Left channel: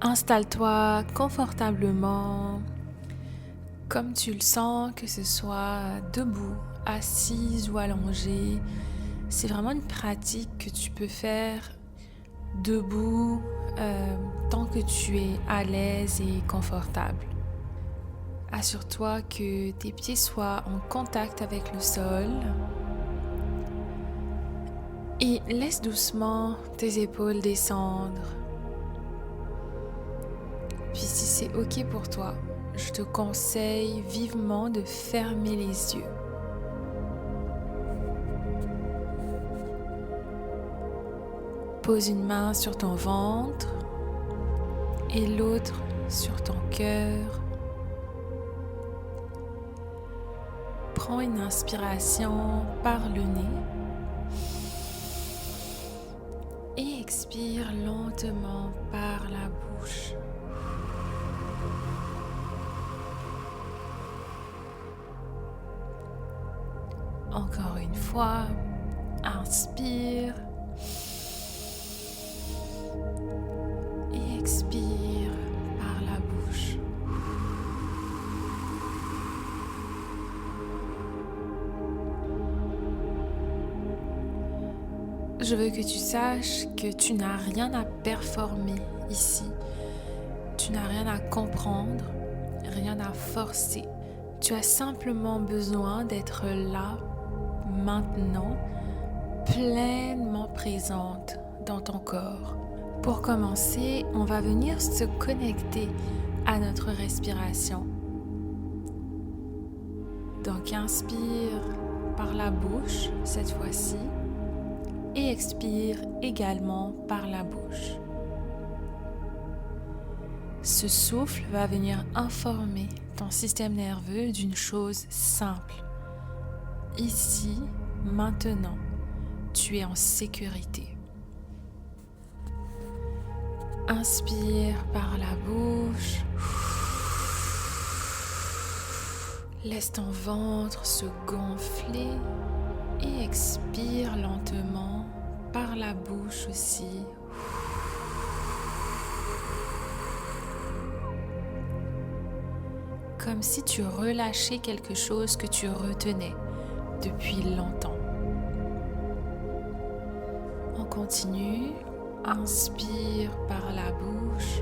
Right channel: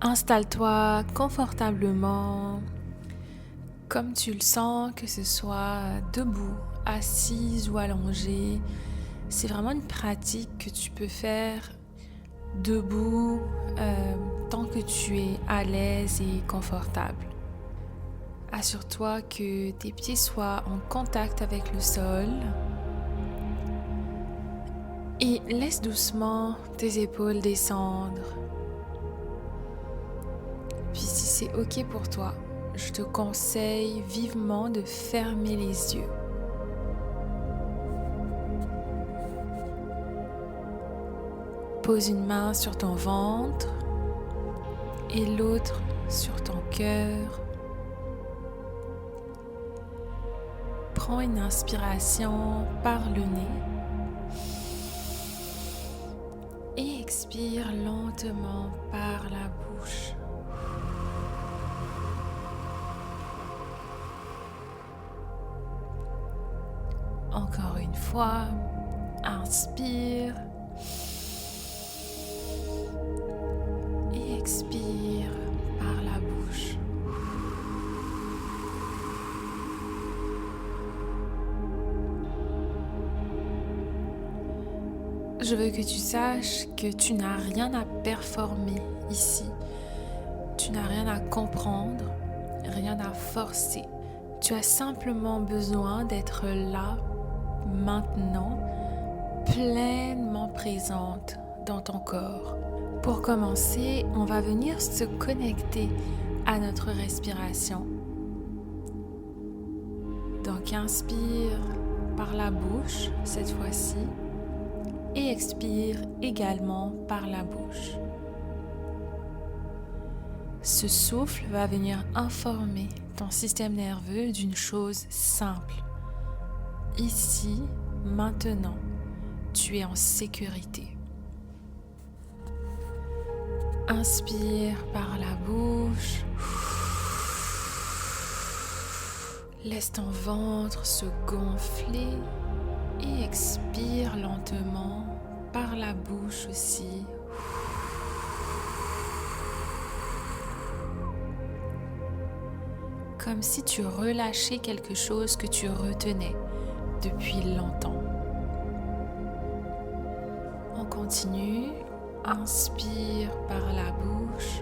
Installe-toi confortablement, comme tu le sens, que ce soit debout, assise ou allongée. C'est vraiment une pratique que tu peux faire debout tant que tu es à l'aise et confortable. Assure-toi que tes pieds soient en contact avec le sol et laisse doucement tes épaules descendre. Puis si c'est OK pour toi, je te conseille vivement de fermer les yeux. Pose une main sur ton ventre et l'autre sur ton cœur. Prends une inspiration par le nez et expire lentement par la bouche. Encore une fois, inspire et expire par la bouche. Je veux que tu saches que tu n'as rien à performer ici. Tu n'as rien à comprendre, rien à forcer. Tu as simplement besoin d'être là, maintenant, pleinement présente dans ton corps. Pour commencer, on va venir se connecter à notre respiration. Donc inspire par la bouche cette fois-ci et expire également par la bouche. Ce souffle va venir informer ton système nerveux d'une chose simple. Ici, maintenant, tu es en sécurité. Inspire par la bouche. Laisse ton ventre se gonfler et expire lentement par la bouche aussi. Comme si tu relâchais quelque chose que tu retenais depuis longtemps. On continue. Inspire par la bouche.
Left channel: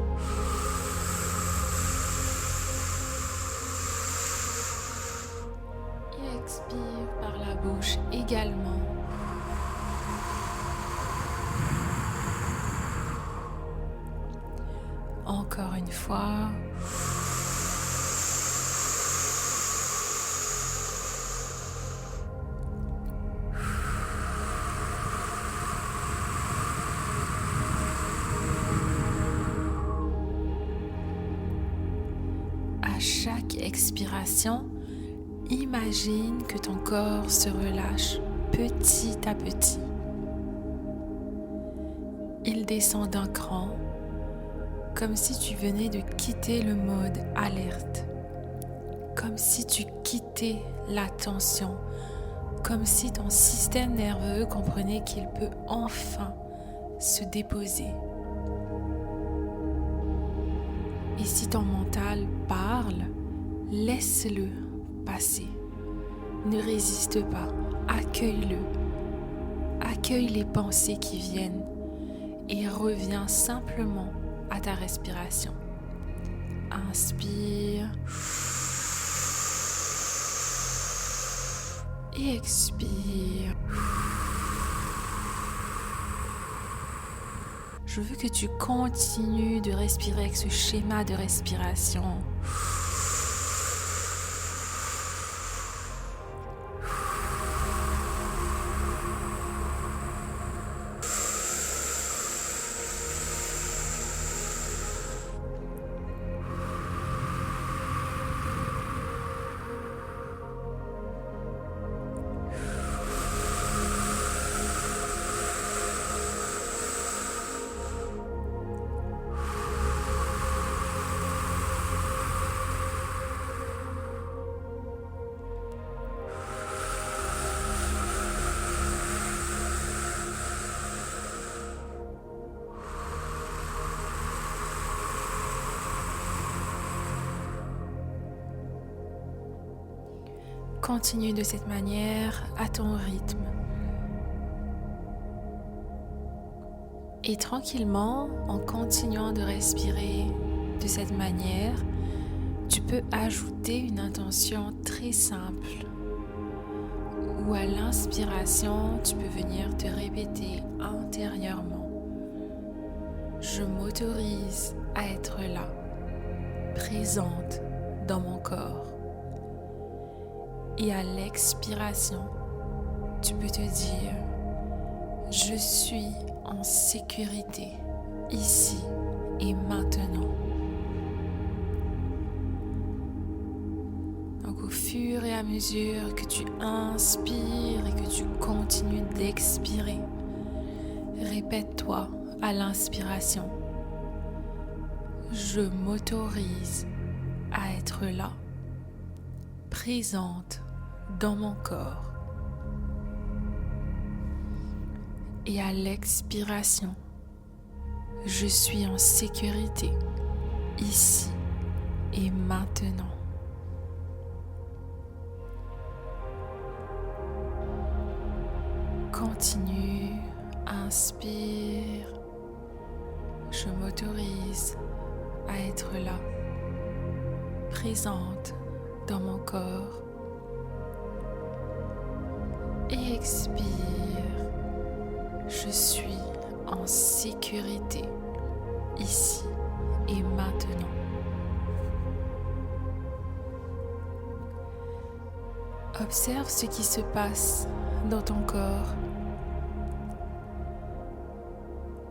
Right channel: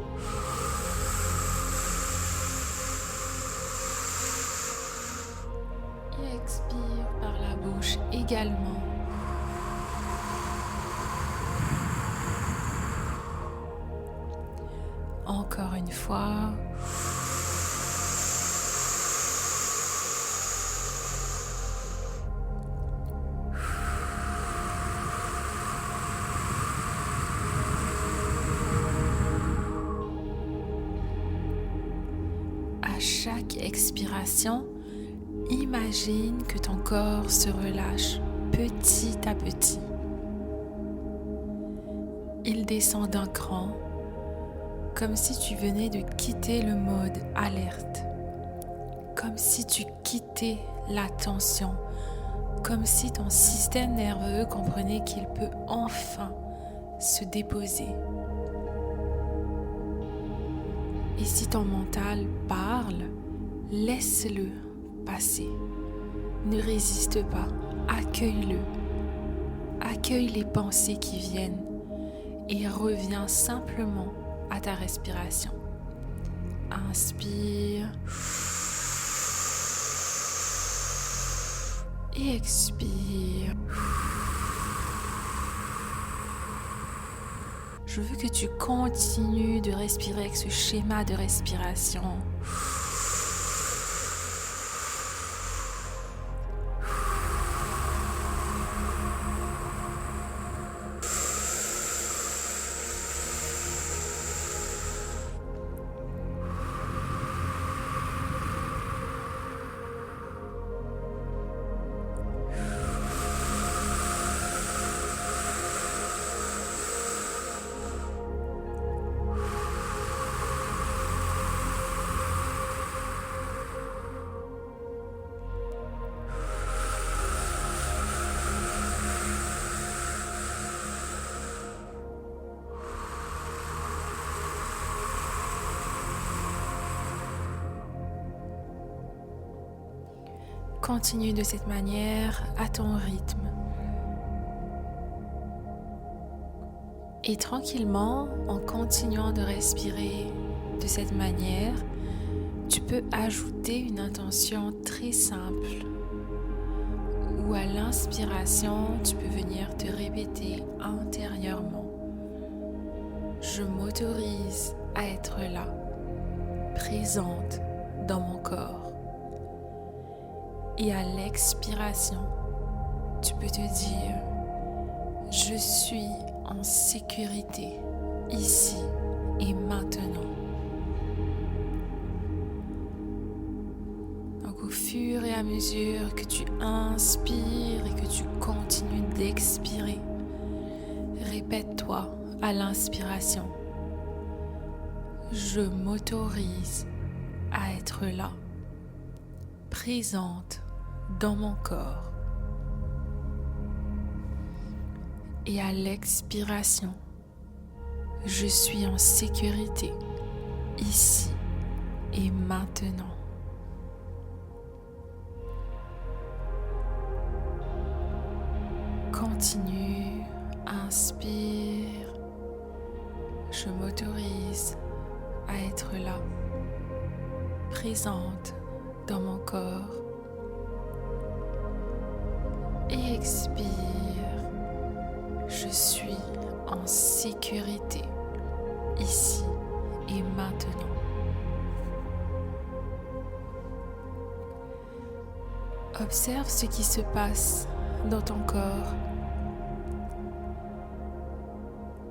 Et expire par la bouche également. Encore une fois. À chaque expiration, imagine que ton corps se relâche petit à petit. Il descend d'un cran, comme si tu venais de quitter le mode alerte, comme si tu quittais la tension, comme si ton système nerveux comprenait qu'il peut enfin se déposer. Et si ton mental parle, laisse-le passer. Ne résiste pas, accueille-le. Accueille les pensées qui viennent et reviens simplement à ta respiration. Inspire et expire. Je veux que tu continues de respirer avec ce schéma de respiration. Continue de cette manière à ton rythme. Et tranquillement, en continuant de respirer de cette manière, tu peux ajouter une intention très simple où à l'inspiration, tu peux venir te répéter intérieurement. Je m'autorise à être là, présente dans mon corps. Et à l'expiration, tu peux te dire, je suis en sécurité, ici et maintenant. Donc au fur et à mesure que tu inspires et que tu continues d'expirer, répète-toi à l'inspiration. Je m'autorise à être là, présente dans mon corps. Et à l'expiration, je suis en sécurité, ici et maintenant. Continue, inspire, je m'autorise à être là, présente dans mon corps. Et expire. Je suis en sécurité, ici et maintenant. Observe ce qui se passe dans ton corps.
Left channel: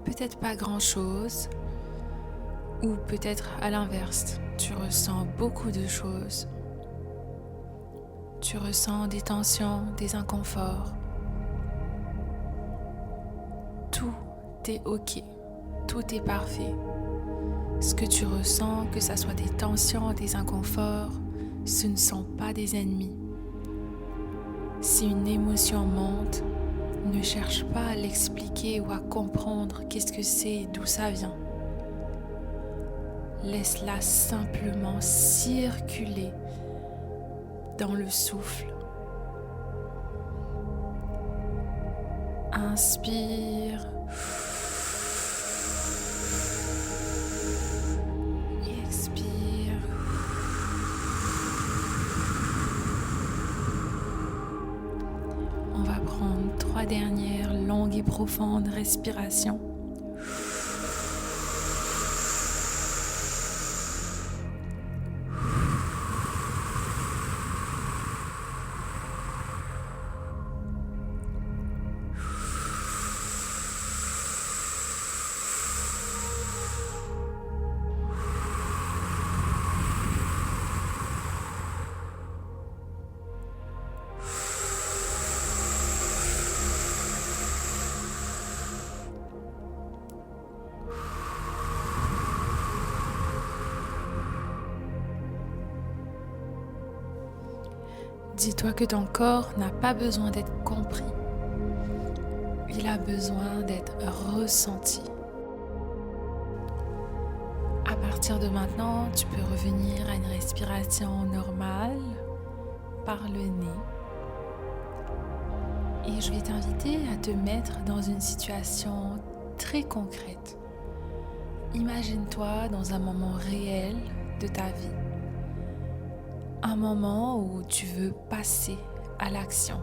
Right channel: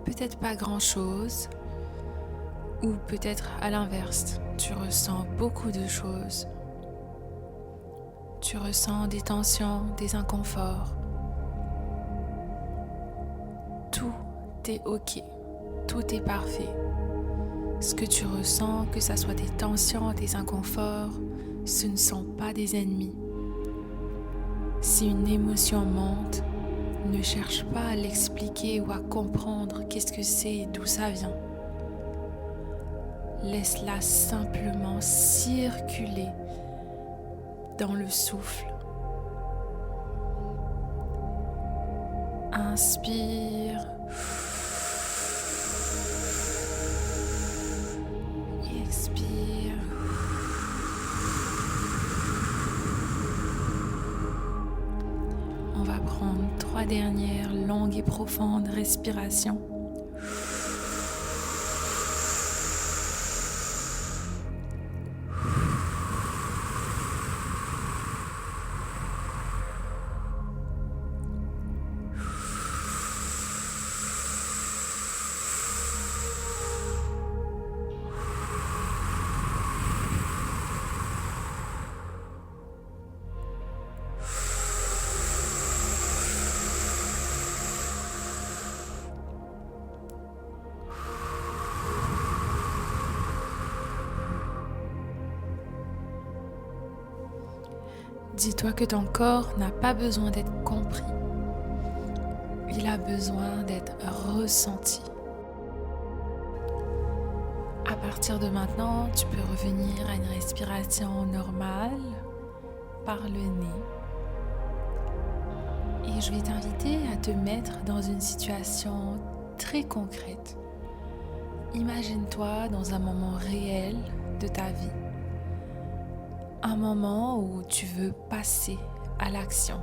Peut-être pas grand-chose, ou peut-être à l'inverse, tu ressens beaucoup de choses. Tu ressens des tensions, des inconforts. Tout est ok, tout est parfait. Ce que tu ressens, que ce soit des tensions, des inconforts, ce ne sont pas des ennemis. Si une émotion monte, ne cherche pas à l'expliquer ou à comprendre qu'est-ce que c'est et d'où ça vient. Laisse-la simplement circuler dans le souffle. Inspire et expire. On va prendre 3 dernières longues et profondes respirations. Dis-toi que ton corps n'a pas besoin d'être compris. Il a besoin d'être ressenti. À partir de maintenant, tu peux revenir à une respiration normale par le nez. Et je vais t'inviter à te mettre dans une situation très concrète. Imagine-toi dans un moment réel de ta vie. Un moment où tu veux passer à l'action.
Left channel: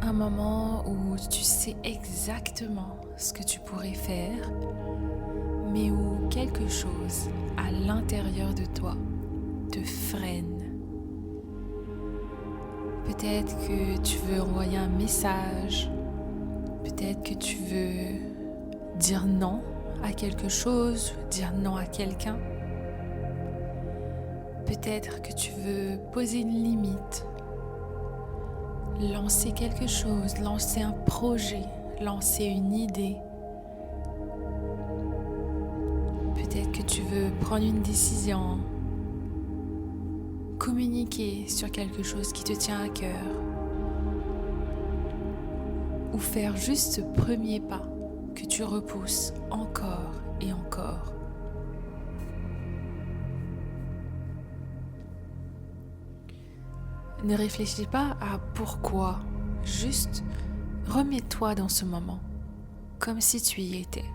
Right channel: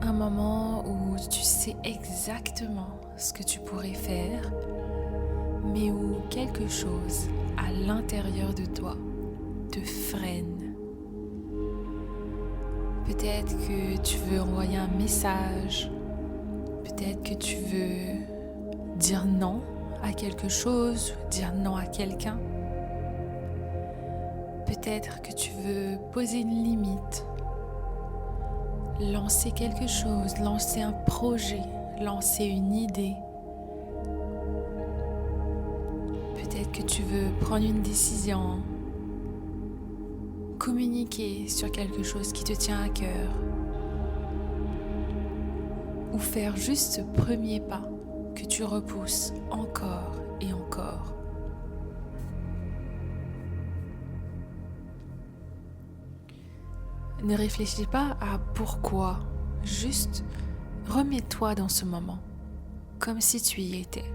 Un moment où tu sais exactement ce que tu pourrais faire, mais où quelque chose à l'intérieur de toi te freine. Peut-être que tu veux envoyer un message, peut-être que tu veux dire non à quelque chose, dire non à quelqu'un. Peut-être que tu veux poser une limite, lancer quelque chose, lancer un projet, lancer une idée. Peut-être que tu veux prendre une décision, communiquer sur quelque chose qui te tient à cœur, ou faire juste ce premier pas que tu repousses encore et encore. Ne réfléchis pas à pourquoi, juste remets-toi dans ce moment, comme si tu y étais.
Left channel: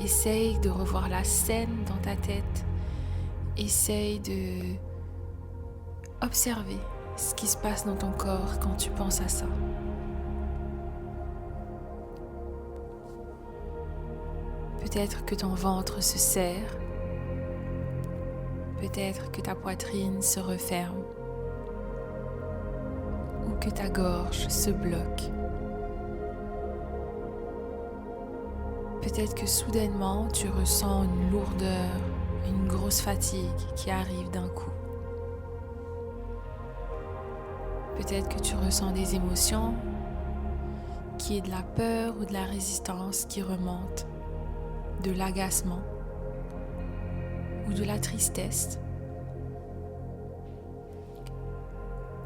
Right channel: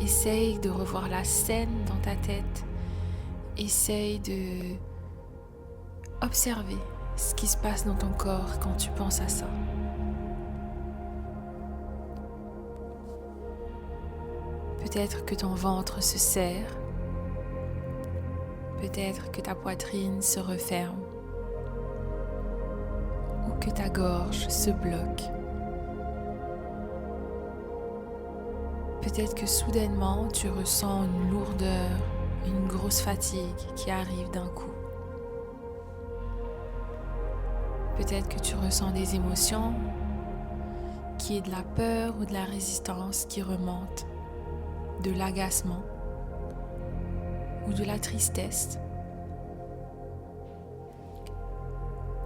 Essaye de revoir la scène dans ta tête, essaye de observer ce qui se passe dans ton corps quand tu penses à ça. Peut-être que ton ventre se serre, peut-être que ta poitrine se referme ou que ta gorge se bloque. Peut-être que soudainement tu ressens une lourdeur, une grosse fatigue qui arrive d'un coup. Peut-être que tu ressens des émotions, qu'il y ait de la peur ou de la résistance qui remonte, de l'agacement ou de la tristesse.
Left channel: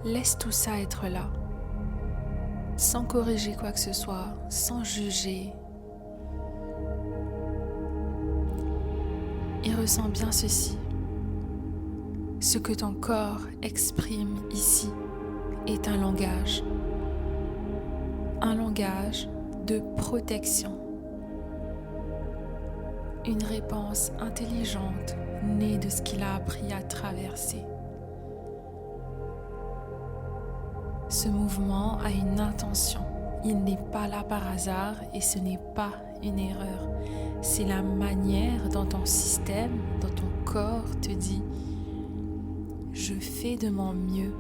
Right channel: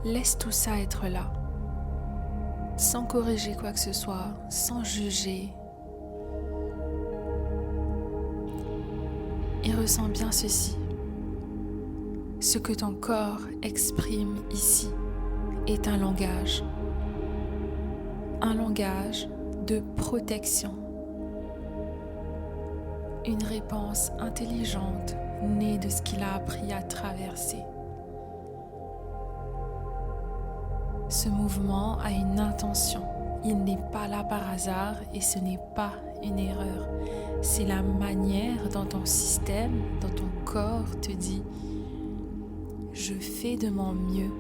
Laisse tout ça être là, sans corriger quoi que ce soit, sans juger. Et ressens bien ceci. Ce que ton corps exprime ici est un langage de protection. Une réponse intelligente née de ce qu'il a appris à traverser. Ce mouvement a une intention. Il n'est pas là par hasard et ce n'est pas une erreur. C'est la manière dont ton système, dont ton corps te dit « Je fais de mon mieux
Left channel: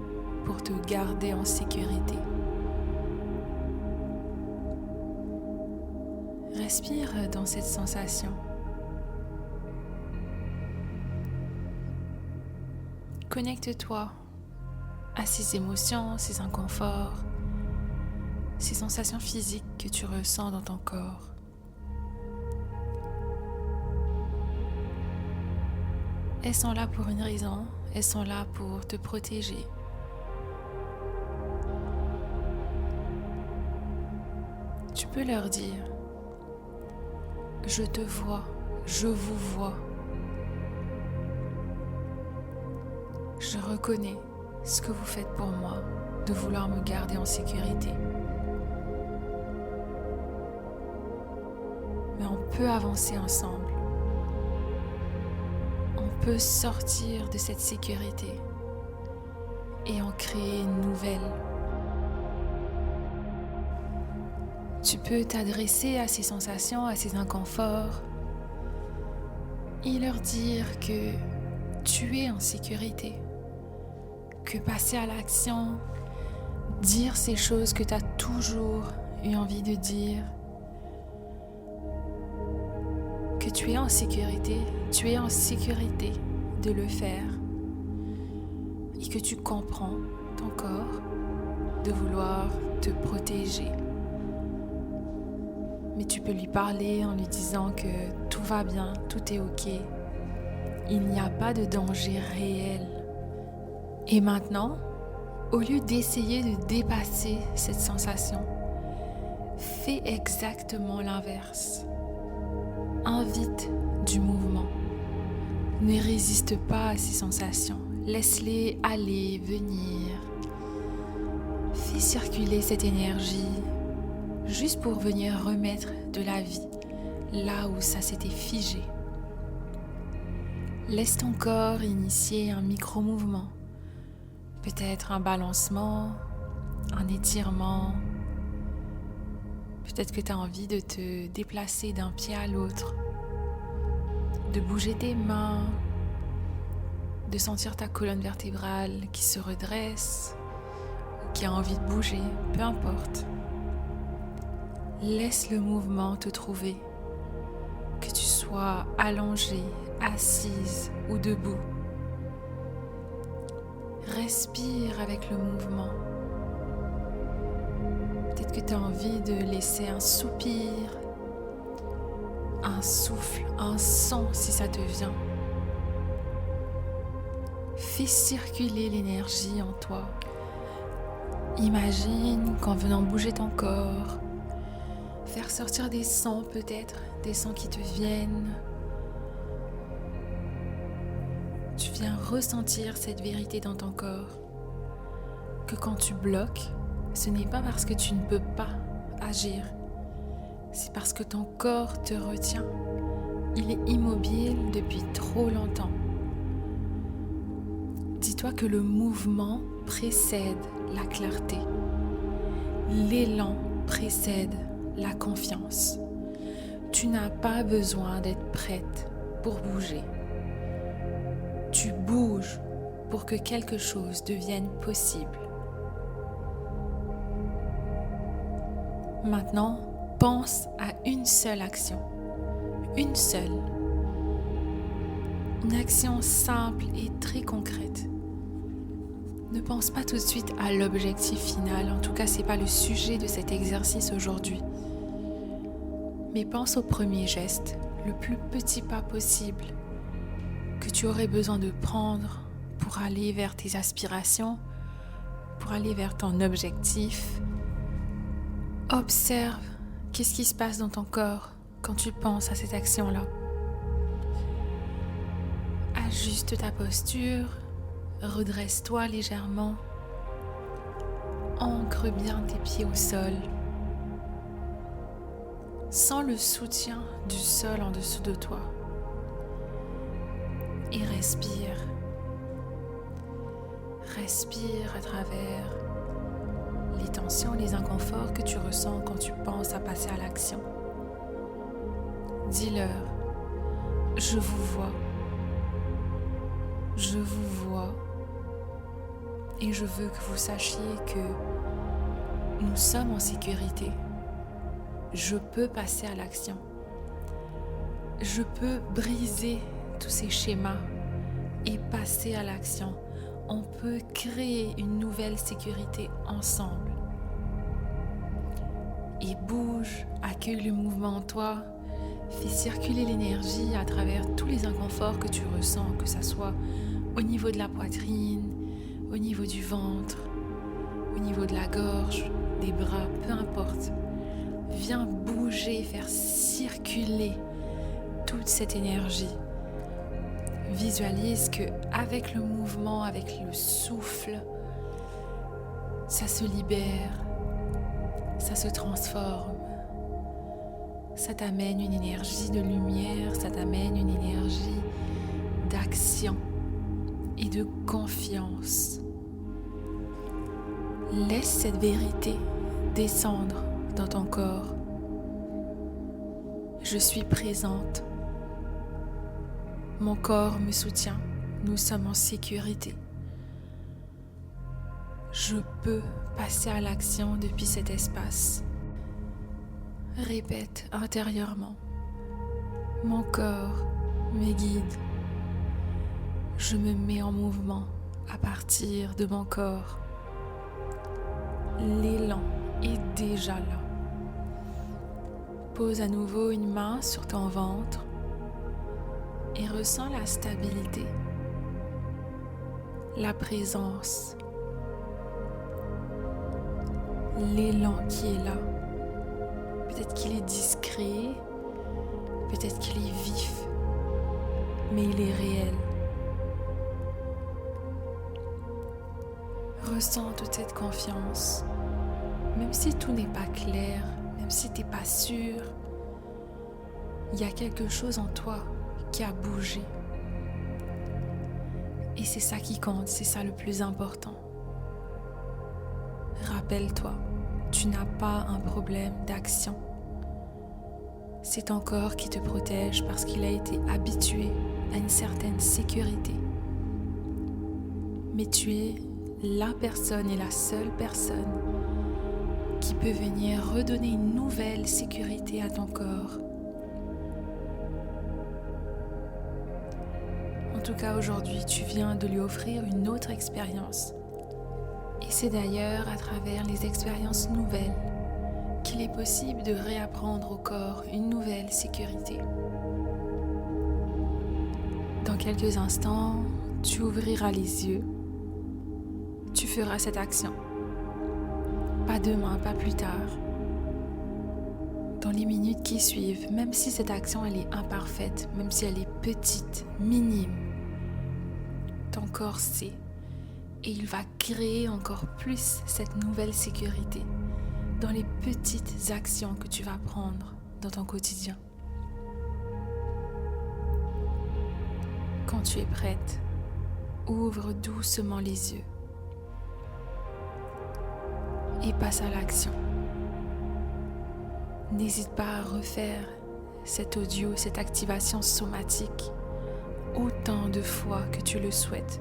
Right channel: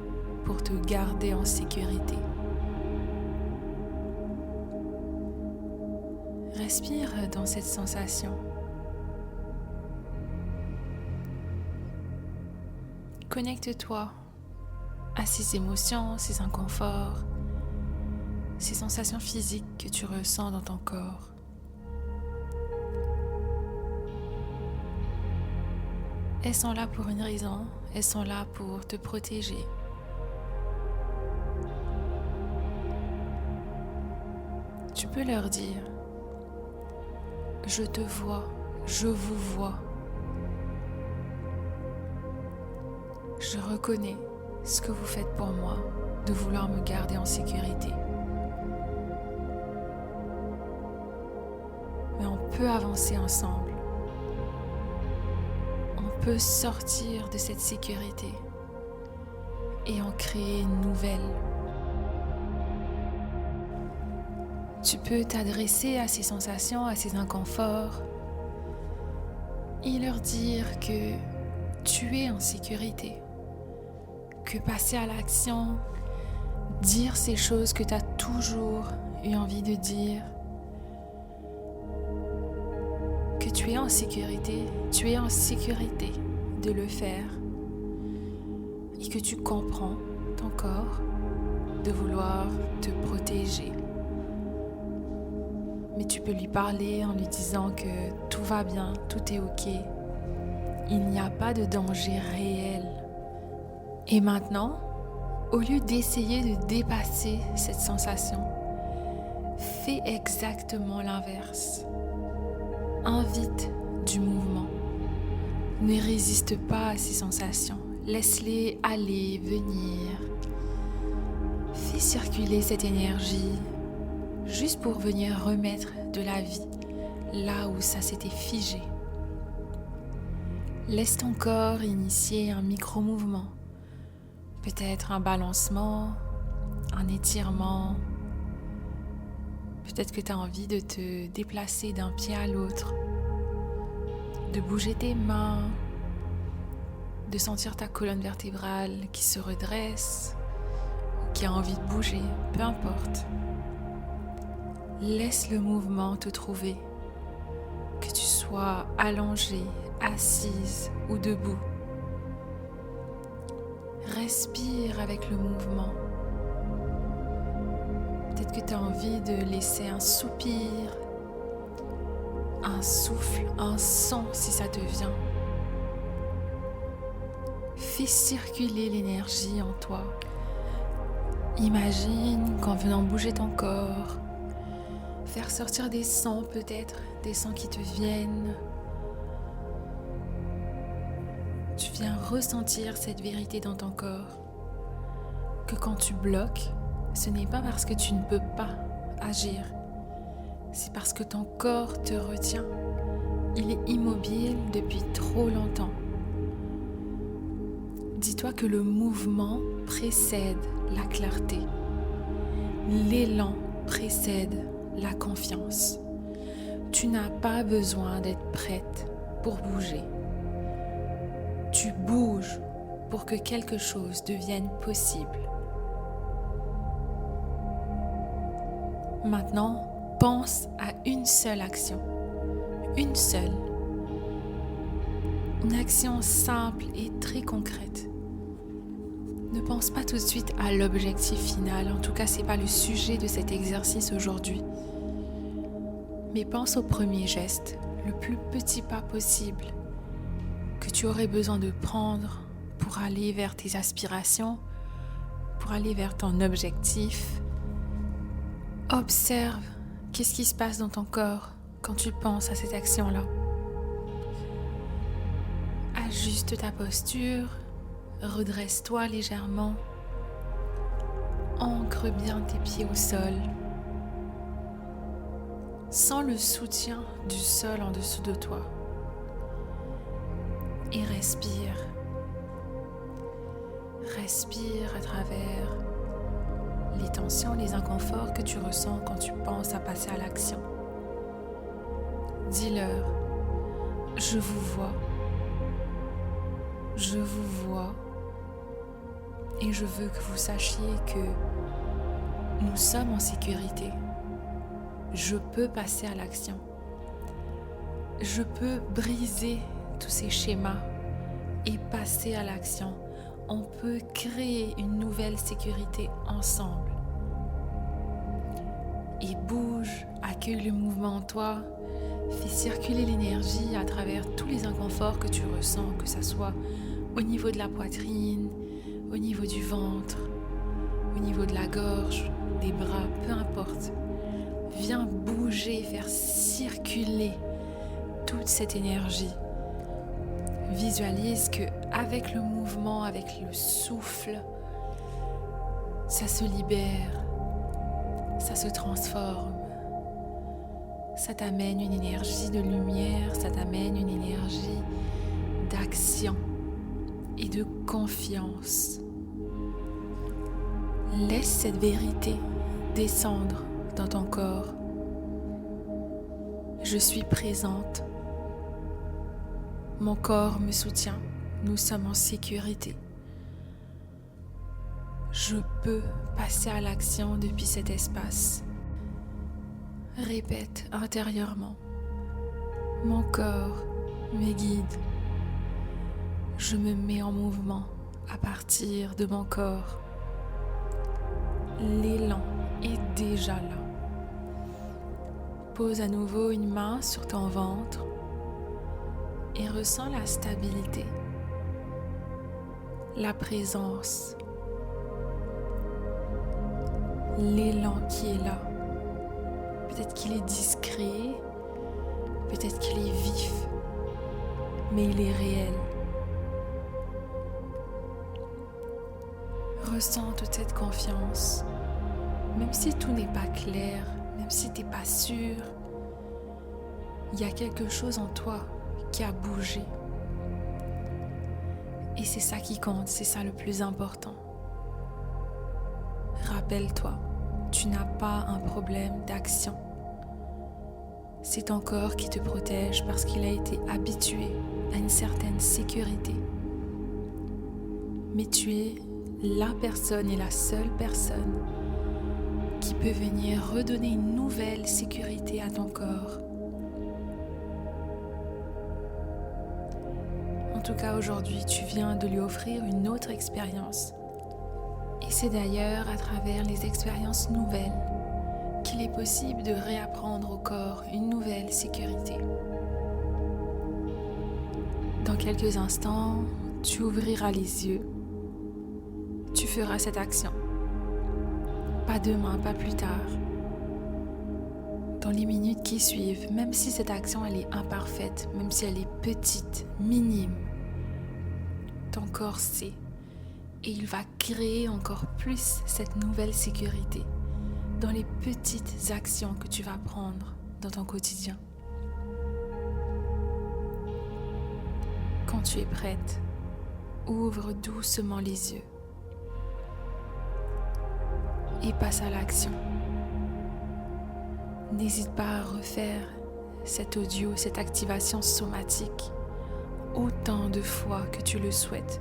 pour te garder en sécurité ». Respire dans cette sensation. Connecte-toi à ces émotions, ces inconforts, ces sensations physiques que tu ressens dans ton corps. Elles sont là pour une raison, elles sont là pour te protéger. Tu peux leur dire « Je te vois, je vous vois. Je reconnais ce que vous faites pour moi, de vouloir me garder en sécurité. Mais on peut avancer ensemble. On peut sortir de cette sécurité et en créer une nouvelle. Tu peux t'adresser à ces sensations, à ces inconforts et leur dire que tu es en sécurité, que passer à l'action, dire ces choses que tu as toujours eu envie de dire, que tu es en sécurité de le faire et que tu comprends ton corps de vouloir te protéger. Mais tu peux lui parler en lui disant que tout va bien, tout est ok. Il n'y a pas de danger réel. Et maintenant, au lieu d'essayer de dépasser cette sensation, fais exactement l'inverse. Invite du mouvement. Ne résiste pas à ces sensations. Laisse-les aller, venir. Fais circuler cette énergie juste pour venir remettre de la vie là où ça s'était figé. Laisse ton corps initier un micro-mouvement. Peut-être un balancement, un étirement. Peut-être que tu as envie de te déplacer d'un pied à l'autre, de bouger tes mains, de sentir ta colonne vertébrale qui se redresse ou qui a envie de bouger, peu importe. Laisse le mouvement te trouver, que tu sois allongé, assise ou debout. Respire avec le mouvement. Peut-être que tu as envie de laisser un soupir, un souffle, un son si ça te vient. Fais circuler l'énergie en toi. Imagine qu'en venant bouger ton corps, faire sortir des sons peut-être, des sons qui te viennent. Tu viens ressentir cette vérité dans ton corps. que quand tu bloques, ce n'est pas parce que tu ne peux pas agir, c'est parce que ton corps te retient. Il est immobile depuis trop longtemps. Dis-toi que le mouvement précède la clarté. L'élan précède la confiance. Tu n'as pas besoin d'être prête pour bouger. Tu bouges pour que quelque chose devienne possible. Maintenant, pense à une seule action. Une seule. Une action simple et très concrète. Ne pense pas tout de suite à l'objectif final, en tout cas ce n'est pas le sujet de cet exercice aujourd'hui. Mais pense au premier geste, le plus petit pas possible que tu aurais besoin de prendre pour aller vers tes aspirations, pour aller vers ton objectif. Observe qu'est-ce qui se passe dans ton corps quand tu penses à cette action-là. Ajuste ta posture, redresse-toi légèrement, ancre bien tes pieds au sol. Sens le soutien du sol en dessous de toi et respire. Respire à travers les tensions, les inconforts que tu ressens quand tu penses à passer à l'action. Dis-leur, je vous vois et je veux que vous sachiez que nous sommes en sécurité. Je peux passer à l'action. Je peux briser tous ces schémas et passer à l'action. On peut créer une nouvelle sécurité ensemble. Et bouge, accueille le mouvement en toi, fais circuler l'énergie à travers tous les inconforts que tu ressens, que ce soit au niveau de la poitrine, au niveau du ventre, au niveau de la gorge, des bras, peu importe. Viens bouger, faire circuler toute cette énergie. Visualise que avec le mouvement, avec le souffle, ça se libère, ça se transforme. Ça t'amène une énergie de lumière, ça t'amène une énergie d'action et de confiance. Laisse cette vérité descendre dans ton corps. Je suis présente. Mon corps me soutient. Nous sommes en sécurité. Je peux passer à l'action depuis cet espace. Répète intérieurement. Mon corps me guide. Je me mets en mouvement à partir de mon corps. L'élan est déjà là. Pose à nouveau une main sur ton ventre et ressens la stabilité, la présence, l'élan qui est là. Peut-être qu'il est discret, peut-être qu'il est vif, mais il est réel. Ressens toute cette confiance, même si tout n'est pas clair, même si tu n'es pas sûr, il y a quelque chose en toi qui a bougé. Et c'est ça qui compte, c'est ça le plus important. Rappelle-toi, tu n'as pas un problème d'action. C'est ton corps qui te protège parce qu'il a été habitué à une certaine sécurité. Mais tu es la personne et la seule personne qui peut venir redonner une nouvelle sécurité à ton corps. En tout cas, aujourd'hui, tu viens de lui offrir une autre expérience. Et c'est d'ailleurs à travers les expériences nouvelles qu'il est possible de réapprendre au corps une nouvelle sécurité. Dans quelques instants, tu ouvriras les yeux. Tu feras cette action. Pas demain, pas plus tard. Dans les minutes qui suivent, même si cette action elle est imparfaite, même si elle est petite, minime, ton corps sait Et il va créer encore plus cette nouvelle sécurité dans les petites actions que tu vas prendre dans ton quotidien. Quand tu es prête, ouvre doucement les yeux et passe à l'action. N'hésite pas à refaire cet audio, cette activation somatique autant de fois que tu le souhaites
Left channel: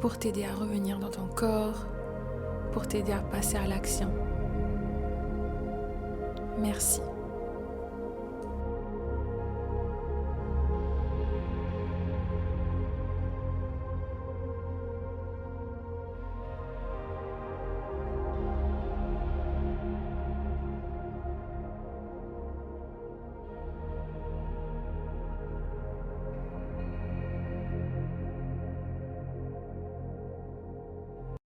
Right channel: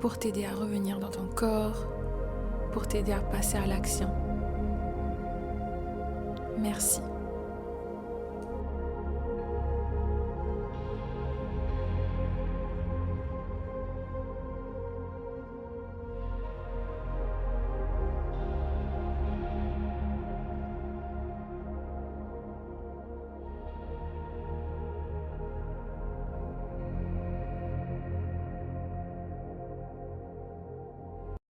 pour t'aider à revenir dans ton corps, pour t'aider à passer à l'action. Merci.